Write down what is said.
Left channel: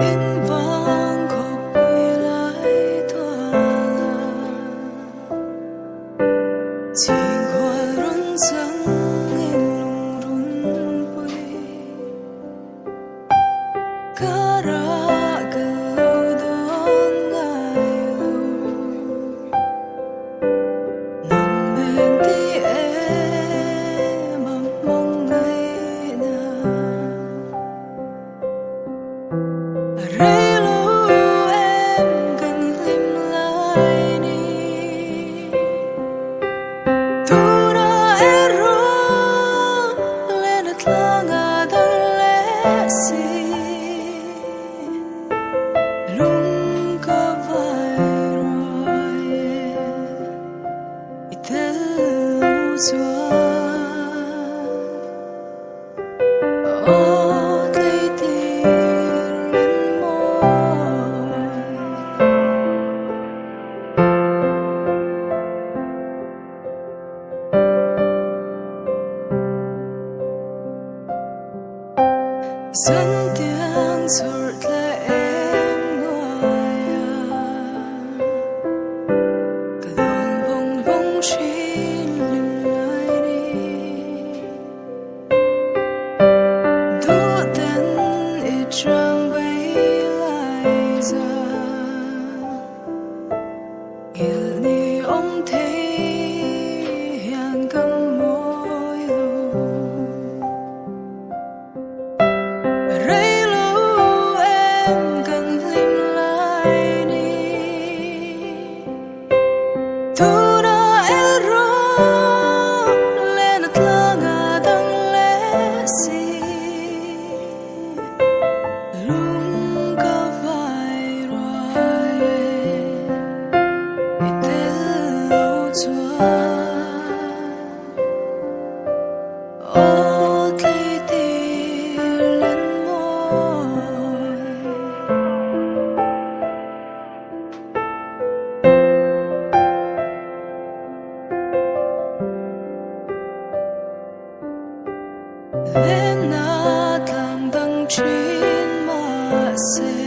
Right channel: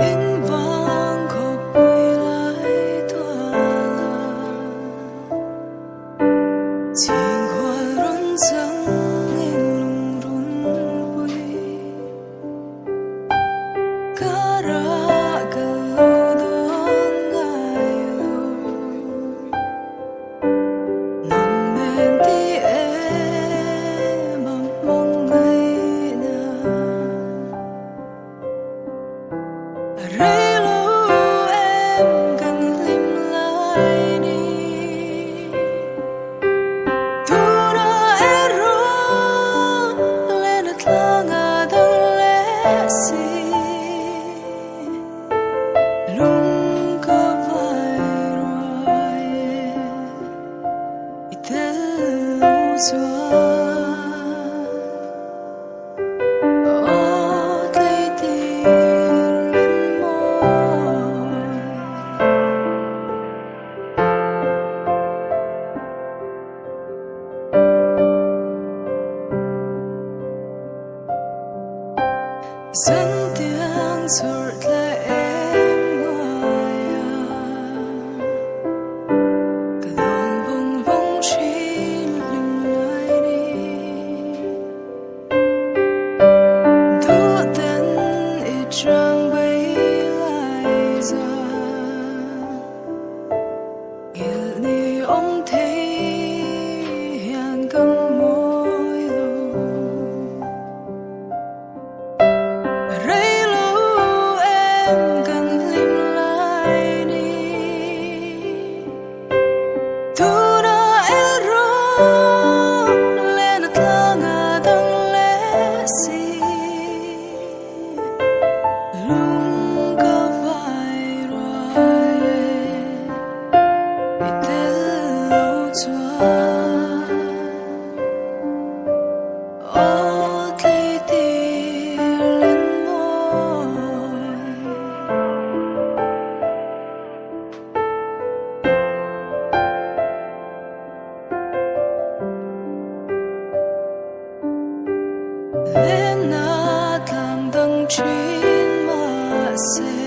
in vang khóc quay lại thua chính hoa run răng in lung run bụi cả ra gần lâu đón ngày lâu nằm bên tí em mong ngày nào rơi lâu em gần lim lại đi tu na ero lên at lang adang lesi lung ka vai rồi tello chuan ô thấy tiếng lên môi dẫn tiếng rụt lại em ngoài cả đòn bông bông trên lưng lại đi đu tên ít trang bay lại ra nghẹn đi ông thấy hiền cầm môi lu rơi lâu em gần lim lại đi tu na ero lên at lang adang lesi lung ka vai rồi tello chuan ô thấy tiếng lên môi lên nát làm đắng trên má xe